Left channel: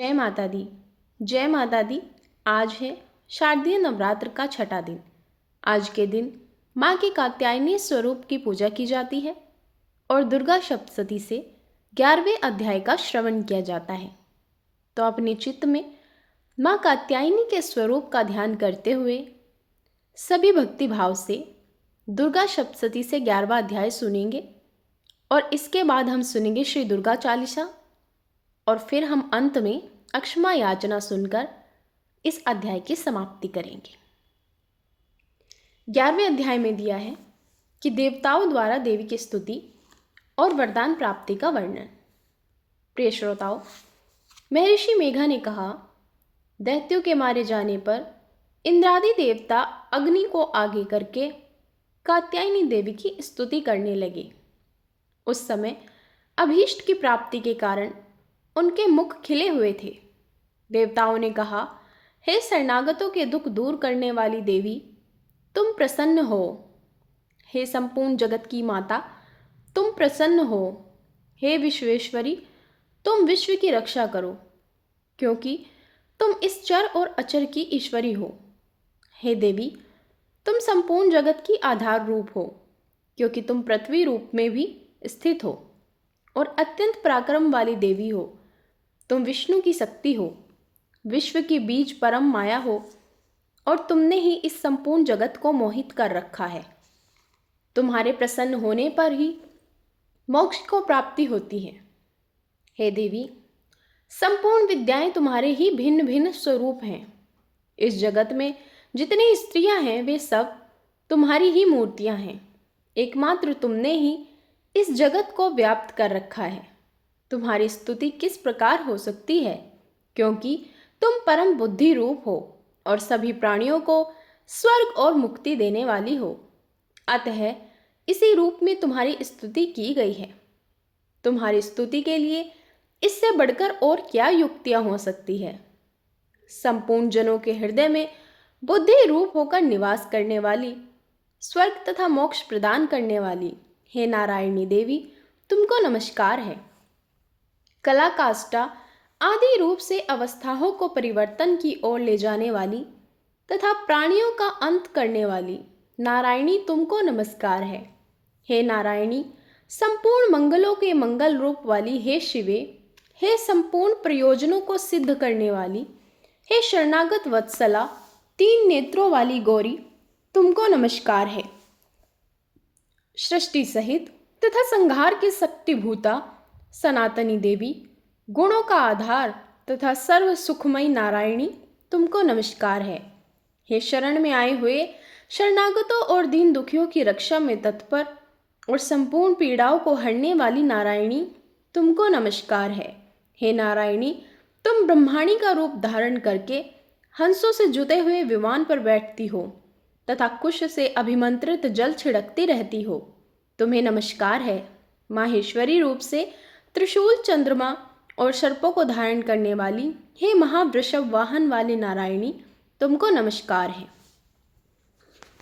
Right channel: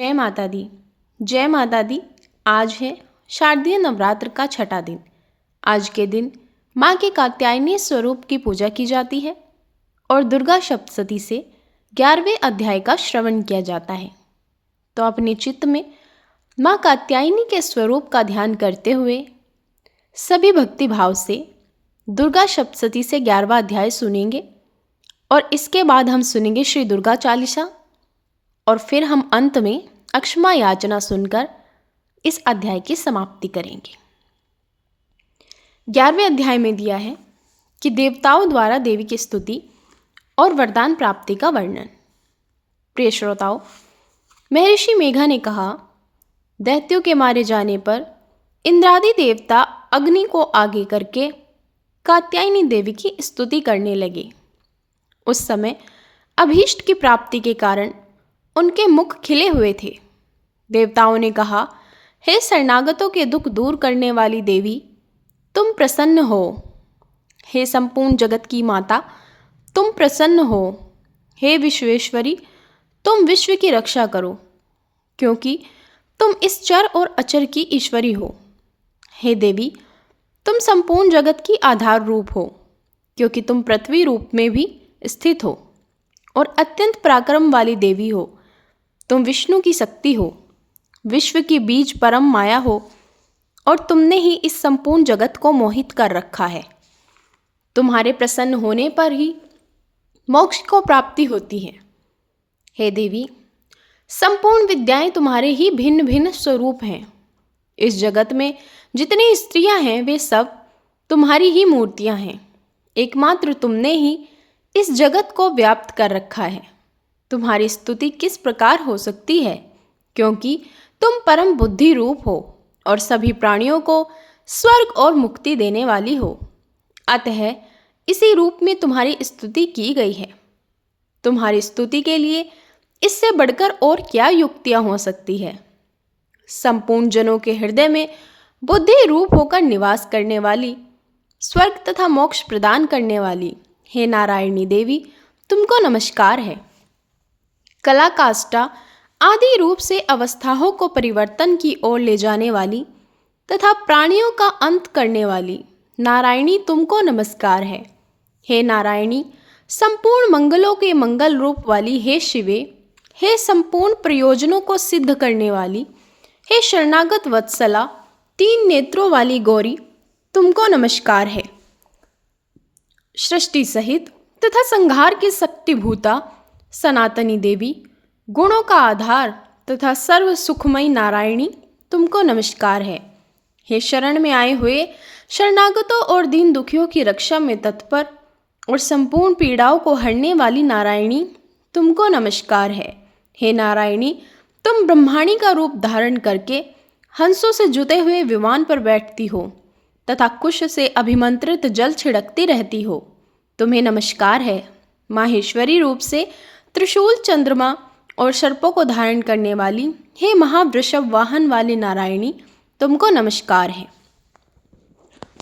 जय माता दी। जय माता दी। आज है शारदीय नवरात्र का छठा दिन। आज के दिन माँ के कात्यायनी स्वरूप की पूजा की जाती है और दुर्गा सप्तशती से 11वें अध्याय का श्रवण किया जाता है। तो अपने चित्त में माँ कात्यायनी के स्वरूप का ध्यान करते हुए सभी भक्ति भाव से दुर्गा सप्तशती से 11वां अध्याय सुनेंगे और इसके बाद हम सुनेंगे श्री दुर्गा चालीसा और फिर हम अंत में अक्षमा याचना सुनकर इस अध्याय की समाप्ति करेंगे। 11वें अध्याय में दिया है कि देवताओं द्वारा देवी की स्तुति और वरदान प्राप्ति का वर्णन। प्रिय श्रोताओं, महर्षि मेघा ने कहा, दैत्यों के मारे जाने पर इंद्रादि देवता अग्नि को आगे करके कात्यायनी देवी की स्तुति करने लगे। उस समय अभीष्ट की प्राप्ति के कारण उनके मुख खिले हुए थे। देवताओं ने कहा, हे शरणागतों के दुख दूर करने वाली देवी, तुम प्रसन्न हो। हे संपूर्ण जगत की माता, तुम प्रसन्न हो। हे विश्वेश्वरी, तुम विश्व की रक्षा करो, क्योंकि तुम इस चर और अचर की ईश्वरी हो। हे देवी, तुम संपूर्ण जगत की आधार रूप हो, क्योंकि तुम पृथ्वी रूप में भी स्थित हो और अत्यंत पराक्रम वाली देवी हो। तुम विष्णु की शक्ति हो, विश्व की बीज परम माया हो और तुमने ही इस संपूर्ण जगत को मोहित कर रखा है। तुम्हारे प्रसन्न होने पर ही मोक्ष को प्राप्ति होती है। हे देवी, संपूर्ण विद्याएं तुम्हारे ही भिन्न भिन्न स्वरूप हैं। इस जगत में जितनी स्त्रियां हैं वे सब तुम्हारी ही मूर्तियां हैं। एकमात्र तुमने ही इस जगत को व्याप्त कर रखा है। तुम्हारी स्तुति किस प्रकार हो सकती है, क्योंकि तुम परम बुद्धि रूप हो और सभी प्राणियों को स्वर्ग और मुक्ति देने वाली हो। अतः इसी रूप में तुम्हारी स्तुति की गई है। तुम्हारी स्तुति के लिए इससे बढ़कर और क्या युक्तियां हो सकती है। संपूर्ण जनों के हृदय में बुद्धि रूप होकर निवास करने वाली, स्वर्ग तथा मोक्ष प्रदान करने वाली, हे नारायणी देवी, तुमको नमस्कार है। कला काष्ठा आदि रूप से अवस्थाओं को परिवर्तन की ओर ले जाने वाली तथा प्राणियों का अंत करने वाली नारायणी, तुमको नमस्कार है। हे नारायणी, संपूर्ण मंगलों के मंगल रूप वाली, हे शिवे, हे संपूर्ण प्रयोजनों को सिद्ध करने वाली, हे शरणागत वत्सला, 3 नेत्रों वाली गौरी, तुमको नमस्कार है। सृष्टि सहित तथा संहार की शक्तिभूता सनातनी देवी, गुणों का आधार तथा सर्व सुखमयी नारायणी, तुमको नमस्कार है। हे शरण में आए हुए शरणागतों और दीन दुखियों की रक्षा में तत्पर और संपूर्ण पीड़ाओं को हरने वाली नारायणी, तुमको नमस्कार है। हे नारायणी, तुम ब्रह्माणी का रूप धारण करके हंसों से जुते हुए विमान पर बैठती हो तथा कुश से अभिमंत्रित जल छिड़कती रहती हो। तुम्हें नमस्कार है। माहेश्वरी रूप से त्रिशूल, चंद्रमा और सर्पों को धारण करने वाली, हे महावृषभ वाहन वाली नारायणी, तुमको नमस्कार है।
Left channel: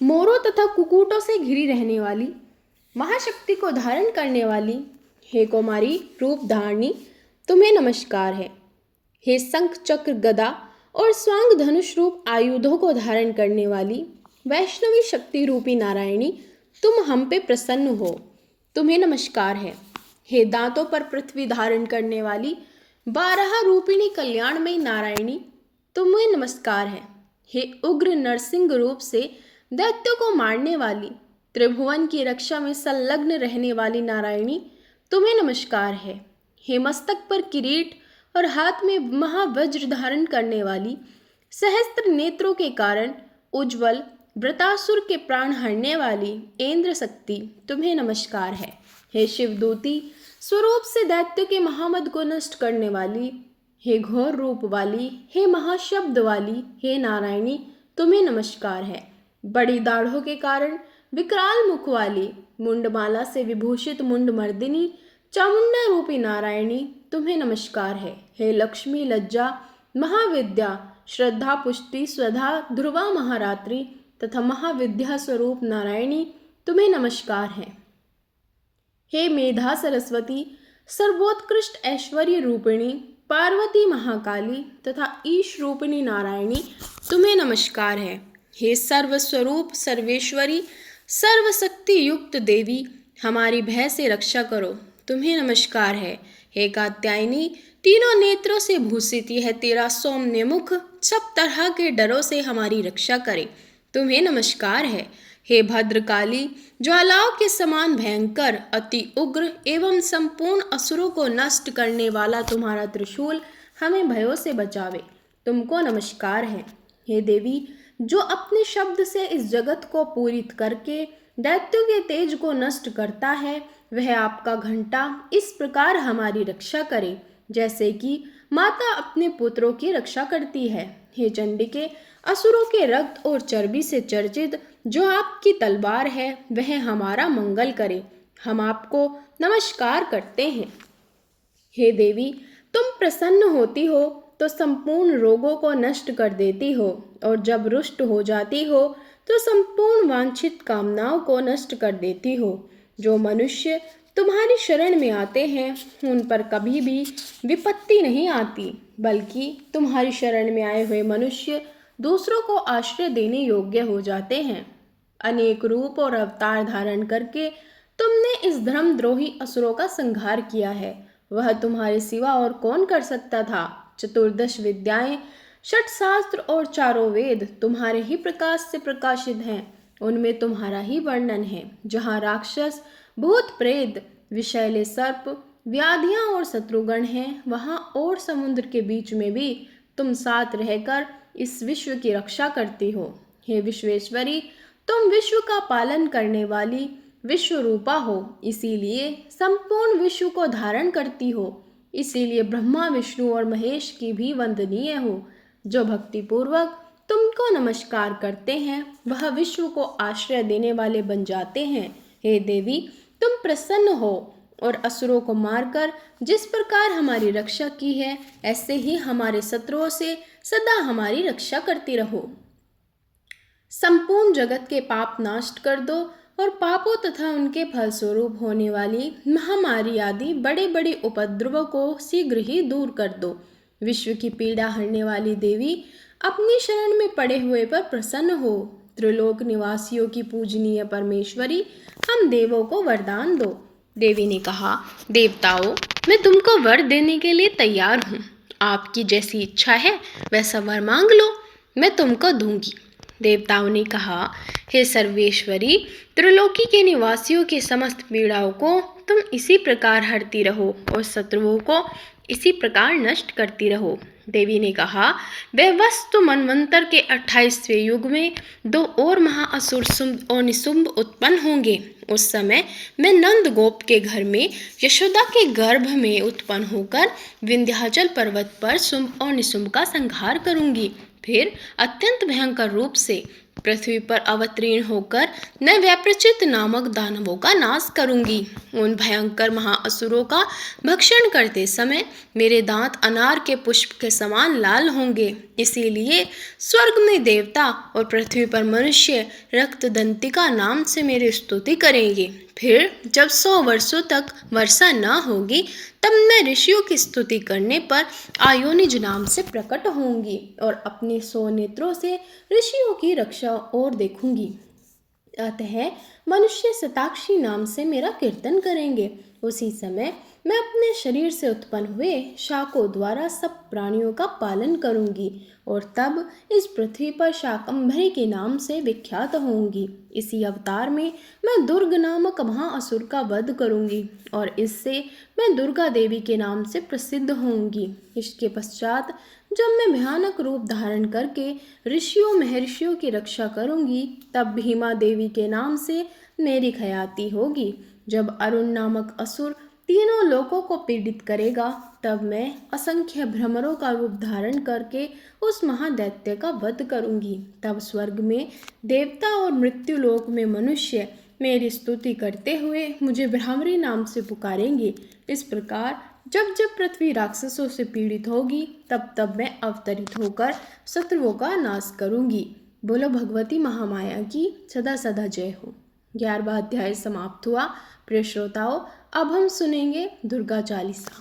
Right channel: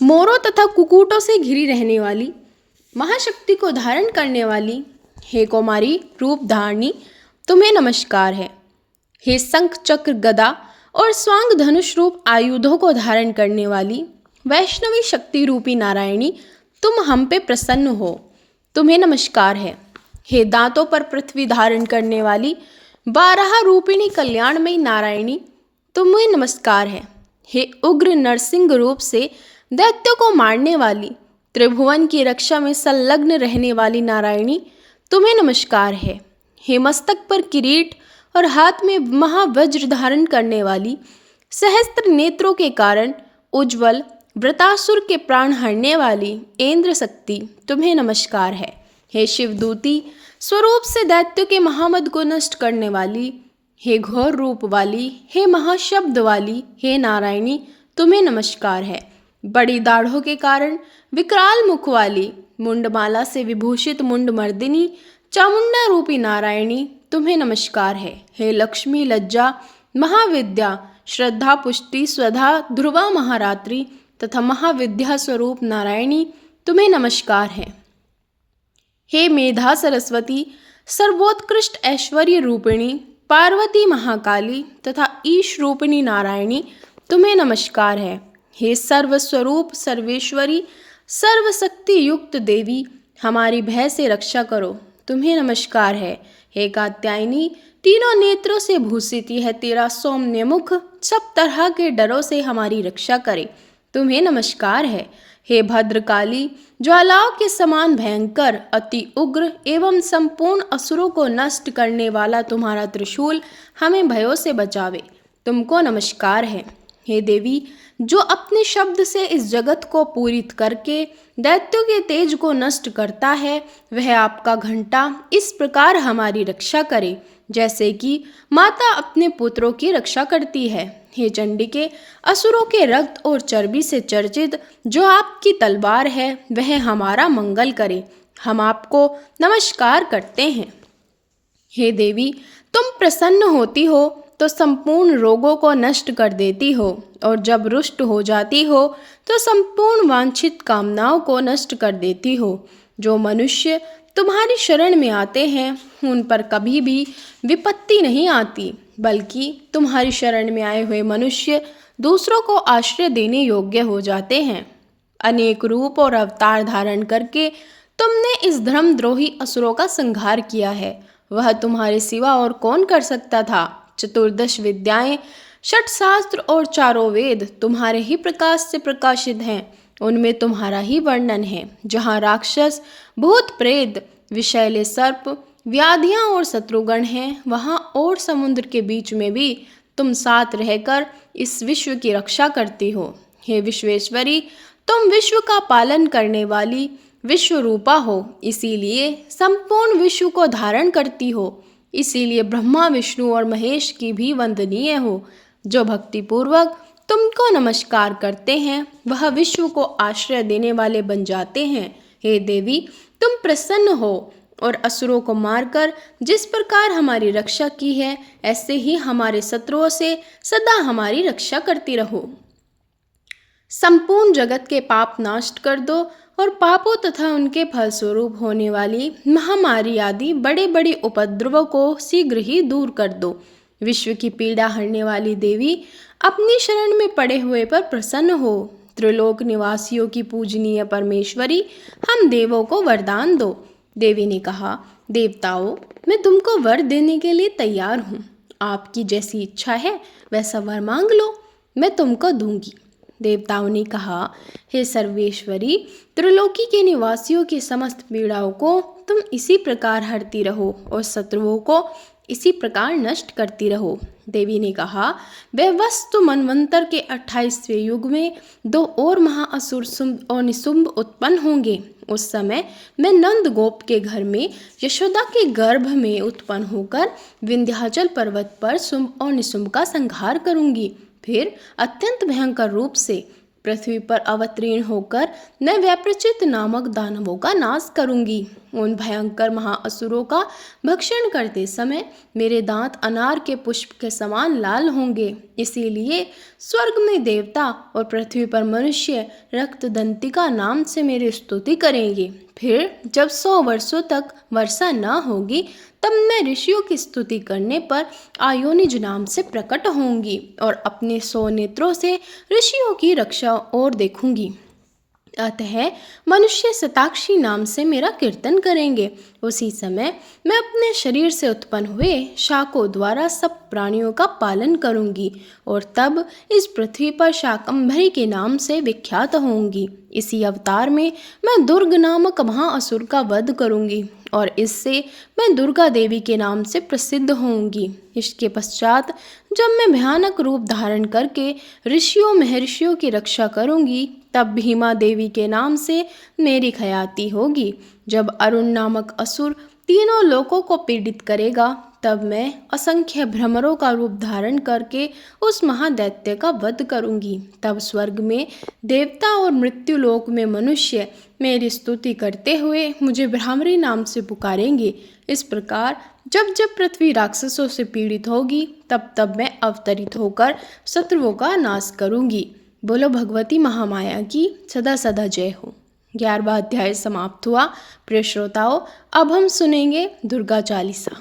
मोरों तथा कुकुटों से घिरी रहने वाली, महाशक्ति को धारण करने वाली, हे कौमारी रूप धारणी, तुम्हें नमस्कार है। हे शंख, चक्र, गदा और स्वांग धनुष रूप आयुधों को धारण करने वाली, वैष्णवी शक्ति रूपी नारायणी, तुम हम पे प्रसन्न हो, तुम्हें नमस्कार है। हे दांतों पर पृथ्वी धारण करने वाली, 12 रूपिणी कल्याणमयी नारायणी, तुम्हें नमस्कार है। हे उग्र नरसिंह रूप से दैत्यों को मारने वाली, त्रिभुवन की रक्षा में संलग्न रहने वाली नारायणी, तुम्हें नमस्कार है। हे मस्तक पर किरीट और हाथ में महावज्र धारण करने वाली, सहस्त्र नेत्रों के कारण उज्ज्वल, वृतासुर के प्राण हरने वाली इंद्र शक्ति, तुम्हें नमस्कार है। हे शिवदूती स्वरूप से दैत्यों के महामद को नष्ट करने वाली, हे घोर रूप वाली, हे महाशब्द वाली, हे नारायणी, तुम्हें नमस्कार है। बड़ी दाढ़ों के कारण विकराल मुख वाली, मुंडमाला से विभूषित मुंडमर्दिनी, चामुंडा रूपी नारायणी, तुम्हें नमस्कार है। हे लक्ष्मी, लज्जा, महाविद्या, श्रद्धा, पुष्टि, स्वधा, ध्रुवा, महारात्रि तथा महाविद्या स्वरूप नारायणी, तुम्हें नमस्कार है। हे मेधा सरस्वती, सर्वोत्कृष्ट ऐश्वर्य रूपिणी, पार्वती महाकाली तथा ईश रूपिणी नारायणी तुम्हें नमस्कार है। हे सर्वस्वरूप सर्वेश्वरी सर्वशक्ति युक्त देवी हमारी भय से रक्षा करो, तुम्हें नमस्कार है। हे कात्यायनी तीनों नेत्रों से भूषित यह तेरा सौम्य मुख सब तरह के डरों से हमारी रक्षा करे, तुम्हें नमस्कार है। हे भद्रकाली ज्वालाओं के समान भयंकर अति उग्र एवं संपूर्ण असुरों को नष्ट करने वाला तुम्हारा त्रिशूल हमें भयों से बचावे, तुमको नमस्कार है। हे देवी जो अपने शब्द से इस जगत को पूरित करके दैत्यों के तेज को नष्ट करता है, वह आपका घंटा इस प्रकार हमारी रक्षा करे जैसे कि माता अपने पुत्रों की रक्षा करती है। हे चंडिके असुरों के रक्त और चर्बी से चर्चित जो आपकी तलवार है वह हमारा मंगल करे, हम आपको नमस्कार करते हैं। हे देवी तुम प्रसन्न होती हो तो संपूर्ण रोगों को नष्ट कर देती हो और जब रुष्ट हो जाती हो तो संपूर्ण वांछित कामनाओं को नष्ट कर देती हो। जो मनुष्य तुम्हारी शरण में आते हैं उन पर कभी भी विपत्ति नहीं आती, बल्कि तुम्हारी शरण में आए हुए मनुष्य दूसरों को आश्रय देने योग्य हो जाते हैं। अनेक रूप और अवतार धारण करके तुमने इस धर्मद्रोही असुरों का संहार किया है, वह तुम्हारे सिवा और कौन कर सकता था। चतुर्दश विद्याएं, षट शास्त्र और चारों वेद तुम्हारे ही प्रकाश से प्रकाशित हैं, उनमें तुम्हारा ही वर्णन है। जहाँ राक्षस भूत प्रेत विषैले सर्प व्याधियाँ और शत्रुगण हैं, वहाँ और समुद्र के बीच में भी तुम साथ रहकर इस विश्व की रक्षा करती हो। हे विश्वेश्वरी तुम विश्व का पालन करने वाली विश्व रूपा हो, इसीलिए संपूर्ण विश्व को धारण करती हो, इसीलिए ब्रह्मा विष्णु और महेश की भी वंदनीय हो। जो भक्तिपूर्वक तुमको नमस्कार करते हैं वह विश्व को आश्रय देने वाले बन जाते हैं। हे देवी तुम प्रसन्न हो और असुरों को मारकर जिस प्रकार हमारी रक्षा की है ऐसे ही हमारे शत्रुओं से सदा हमारी रक्षा करती रहो। संपूर्ण जगत के पाप नष्ट कर दो और पापों तथा उनके फलस्वरूप होने वाली महामारी आदि बड़े बड़े उपद्रवों को शीघ्र ही दूर कर दो। विश्व की पीड़ा हरने वाली देवी अपनी शरण में पड़े हुए पर प्रसन्न हो। त्रिलोक निवासियों की पूजनीय परमेश्वरी हम देवों को वरदान दो। देवी ने कहा, देवताओं मैं तुमको वर देने के लिए तैयार हूँ, आपकी जैसी इच्छा है वैसा वर मांग लो, मैं तुमको दूंगी। देवताओं ने कहा, हे सर्वेश्वरी त्रिलोकी के निवासियों की समस्त पीड़ाओं को तुम इसी प्रकार हरती रहो और शत्रुओं को इसी प्रकार नष्ट करती रहो। देवी ने कहा, वह वस्तु मनवंतर के 28वें युग में 2 और महाअसुर शुंभ और निशुंभ उत्पन्न होंगे। उस समय मैं नंद गोप के घर में यशोदा के गर्भ में उत्पन्न होकर विंध्याचल पर्वत पर शुंभ और निशुंभ का संहार करूंगी। फिर अत्यंत भयंकर रूप से पृथ्वी पर अवतीर्ण होकर मैं वैप्रचित नामक दानवों का नाश करूंगी। उन भयंकर महाअसुरों का भक्षण करते समय मेरे दांत अनार के पुष्प के समान लाल होंगे, इसीलिए स्वर्ग में देवता और पृथ्वी पर मनुष्य रक्तदंतिका नाम से मेरी स्तुति करेंगे। फिर जब 100 वर्षों तक वर्षा न होगी तब मैं ऋषियों की स्तुति करने पर आयोनिज नाम से प्रकट होंगी और अपने 100 नेत्रों से ऋषियों की रक्षा और देखूंगी। अतः मनुष्य शताक्षी नाम से मेरा कीर्तन करेंगे। उसी समय मैं अपने शरीर से उत्पन्न हुए शाकों द्वारा सब प्राणियों का पालन करूंगी और तब इस पृथ्वी पर शाकंभरी के नाम से विख्यात होंगी। इसी अवतार में मैं दुर्ग नामक महाअसुर का वध करूंगी और इससे मैं दुर्गा देवी के नाम से प्रसिद्ध होंगी। इसके पश्चात जब मैं भयानक रूप धारण करके ऋषियों महर्षियों की रक्षा करूंगी तब भीमा देवी के नाम से मेरी ख्याति होगी। जब अरुण नामक असुर तीनों लोकों को पीड़ित करेगा तब मैं असंख्य भ्रमरों का रूप धारण करके उस महादैत्य का वध करूंगी। तब स्वर्ग में देवता और मृत्यु लोक में मनुष्य मेरी स्तुति करते हुए मुझे भ्रामरी नाम से पुकारेंगे। इस प्रकार जब जब पृथ्वी राक्षसों से पीड़ित होगी तब तब मैं अवतरित होकर शत्रुओं का नाश करूंगी। बोलो भगवती महामाया की सदा सदा जय हो। 11वां अध्याय समाप्त हुआ। प्रिय श्रोताओं, अब हम सुनेंगे दुर्गा चालीसा।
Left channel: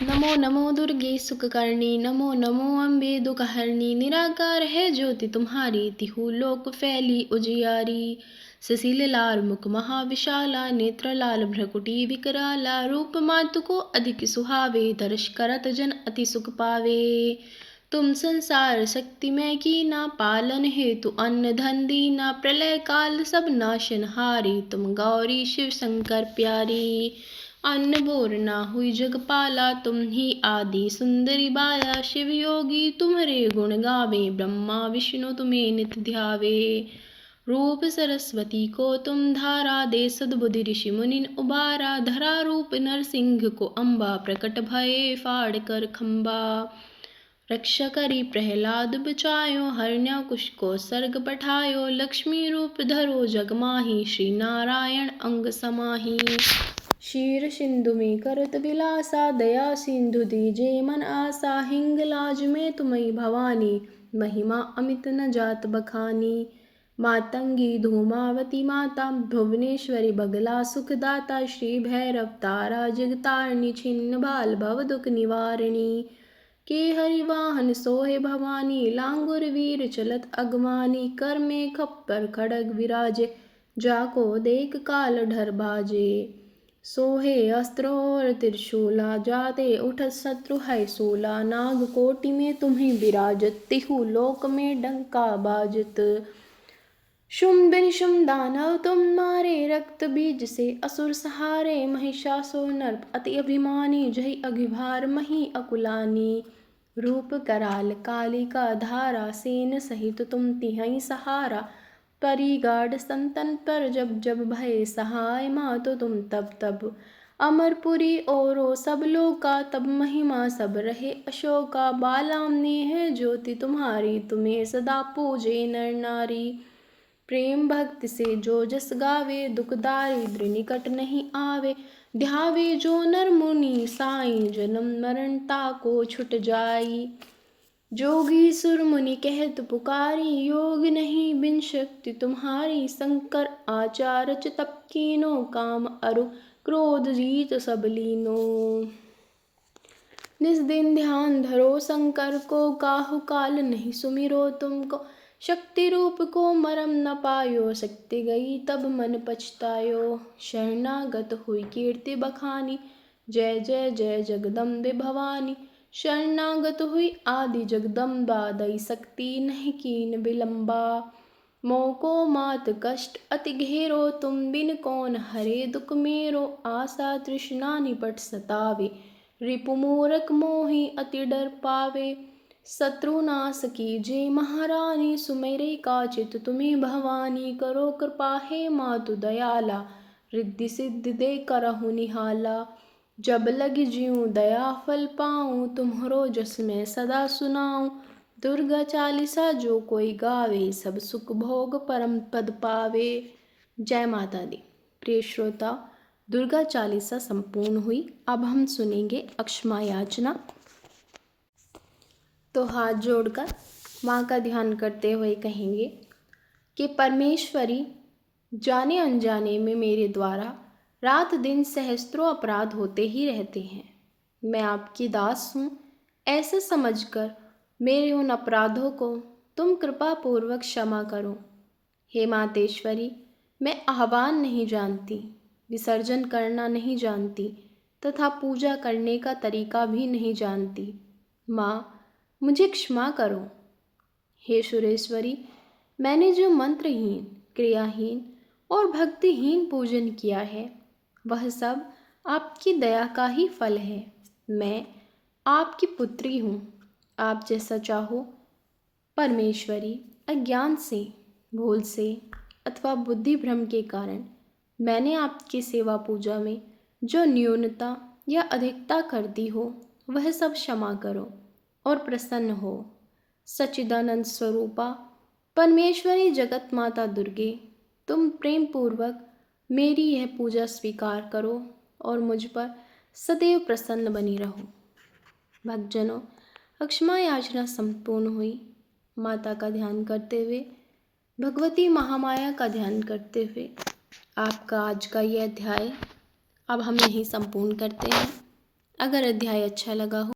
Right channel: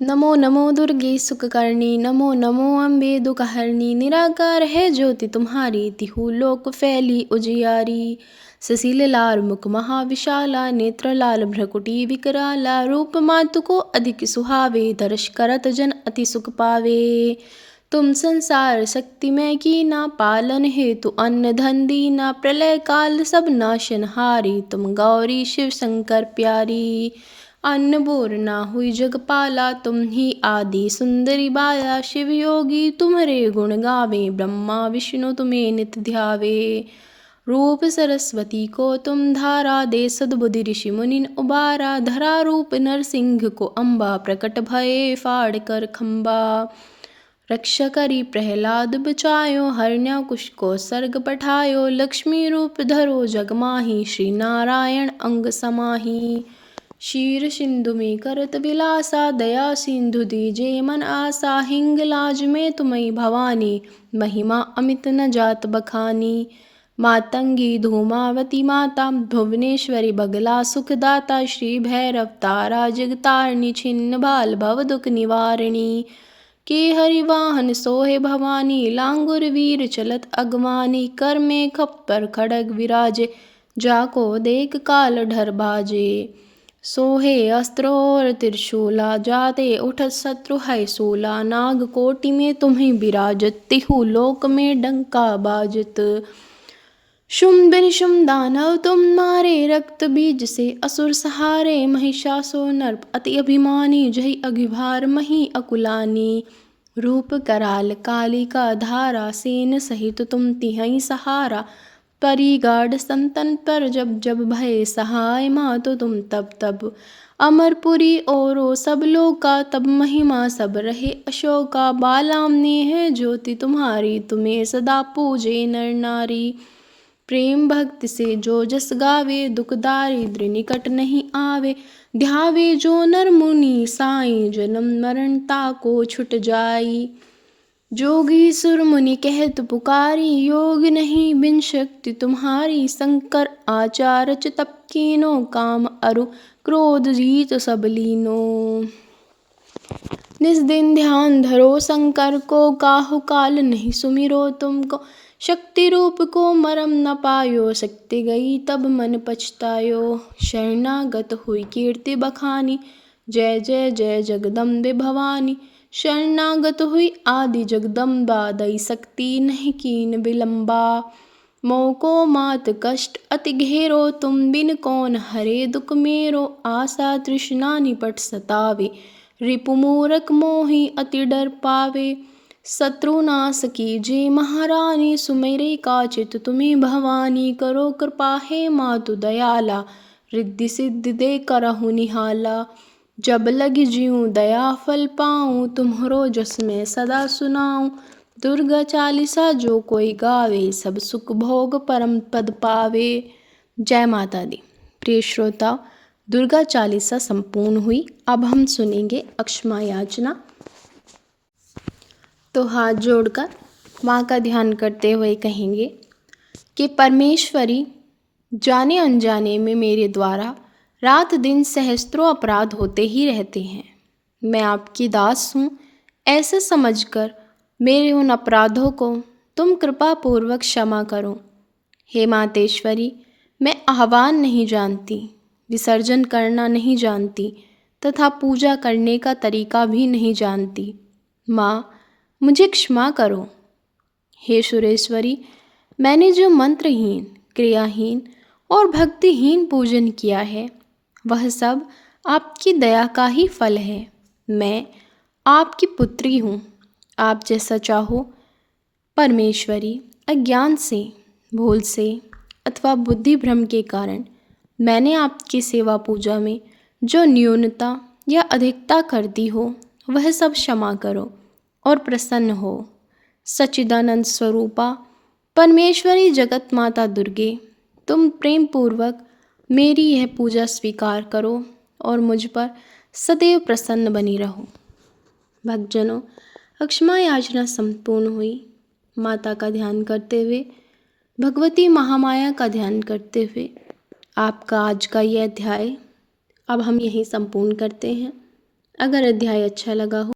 नमो नमो दुर्गे सुखकर्णी, नमो नमो अम्बे दुखहरणी। निराकार है ज्योति तुम्हारी, तिहु लोक फैली उजियारी। ससील लाल मुख महाविशाला, नेत्र लाल भ्रकुटी विकराला। रूप मातु को अधिक सुहावे, दर्श करत जन अति सुख पावे। तुम संसार शक्तिमय कीना, पालन हेतु अन्न धन दीना। प्रलय काल सब नाशनहारी, तुम गौरी शिव शंकर प्यारी। अन्न बोर ना हुई जगपाला, तुम ही आदि सुंदरी बाला। शिव योगी तुम्हारे गुण गावे, ब्रह्मा विष्णु तुम्हें नित ध्यावे। रूप सरस्वती को तुम धारा, दे सद्बुद्धि ऋषि मुनिन उबारा। धरा रूप नरसिंह को अम्बा, प्रकट भये फाड़ कर खम्बा। रक्षा करी प्रहलाद बचायो, हरण्याकुश को सर्ग पठायो। लक्ष्मी रूप धरो जग माही, श्री नारायण अंग समाही। क्षीर सिंधु में करत विलासा, दया सिंधु दीजे मन आसा। हिंगलाज में तुम्हें भवानी, महिमा अमित न जात बखानी। मातंगी धूमावती माता, भुवनेश्वरी बगला सुखदाता। श्री भैरव तारा जगतारिणी, छिन्न बाल भव दुख निवारिणी। के हरिवाहन सोहे भवानी, लांगुर वीर चलत अगवानी। कर में खप्पर खड़ग विराजे, जाको देख काल ढर बाजे। सोहे अस्त्र और त्रिशूला, जाते उठत शत्रु है सूला। नाग कोटि में तुम्हें विराजत, तिहु लोक में डंका बाजत। शुंभ निशुंभ दानव तुम मारे, रक्त बीज से असुर सहारे। महिषासुर नर्प अति अभिमानी, जहि अघिभार मही अकुलानी। रूप कराल कालिका धारा, सेन सहित तुम तिहै सहारा। परिगाढ़ संतन पर जब जब भय सहाय, मातो तुम तब तब। अमरपुरी औरो सब लोका, तब महिमा सब रहे अशोका। बालामनी है ज्योति तुम्हारी, तुम्हें सदा पूजे नर नारी। प्रेम भक्ति से जो जस गावे, दुख दारिद्र निकट नहीं आवे। ध्यावे जो नर मुनि साई, जन्म मरण ताको छुट जाई। जोगी सुर मुनि कहत पुकारी, योग नहीं बिन शक्ति तुम्हारी। शंकर आचार्य तप कीनो, काम अरु क्रोध जीत सब लीनो। निज दिन ध्यान धरो शंकर को, काहु काल नहीं सुमिरो तुमको। शक्ति रूप को मरम न पायो, शक्ति गई तब मन पछतायो। शरणागत हुई कीर्ति बखानी, जय जय जय जगदम्बे भवानी। शरणागत हुई आदि जगदम्बा, दई शक्ति नहीं कीन विलम्बा। मोको मात कष्ट अति घेरो, तुम बिन कौन हरे दुख मेरो। आशा तृष्णा निपट सतावे, रिपु मूरख मोहि अति डर पावे। शत्रु नाश कीजे महारानी, सुमेरे काचित तुम्हें भवानी। करो कृपा हे मातु दयाला, रिद्धि सिद्धि दे करहु निहाला। जब लग ज्यों दया फल पाऊँ, तुम्हरो जस मैं सदा सुनाऊँ। दुर्गा चालीसा जो कोई गावे, सब सुख भोग परम पद पावे। जय माता दी। प्रिय श्रोता, दुर्गा चालीसा संपूर्ण हुई। अब हम सुनेंगे अक्षमा याचना। तो हाथ जोड़कर माँ का ध्यान करते हुए कहेंगे कि परमेश्वरी, जाने अनजाने में मेरे द्वारा रात दिन सहस्त्रों अपराध होते ही रहते हैं। मैं आपकी दास हूँ, ऐसे समझकर मेरे उन अपराधों को तुम कृपा पूर्वक क्षमा करो। हे मातेश्वरी, मैं आह्वान नहीं जानती, विसर्जन करना नहीं जानती तथा पूजा करने का तरीका भी नहीं जानती। माँ, मुझे क्षमा करो। हे सुरेश्वरी, मैंने जो मंत्रहीन, क्रियाहीन और भक्तिहीन पूजन किया है, वह सब आपकी दया का ही फल है। मैं आपकी पुत्री हूँ, आप जैसा चाहो। परमेश्वरी, अज्ञान से, भूल से अथवा बुद्धि भ्रम के कारण मैंने आपकी सेवा पूजा में जो न्यूनता या अधिकता कर दी हो, वह सब क्षमा करो और प्रसन्न हो। सच्चिदानंद स्वरूपा परमेश्वरी जगत माता दुर्गे, तुम प्रेम पूर्वक मेरी यह पूजा स्वीकार करो और मुझ पर सदैव प्रसन्न बनी रहो। भक्तजनों, अक्षमा याचना संपूर्ण हुई। माता का ध्यान करते हुए, भगवती महामाया का ध्यान करते हुए आपका आज का यह अध्याय अब हम यहीं संपूर्ण करते हैं। अगर अध्याय अच्छा लगा हो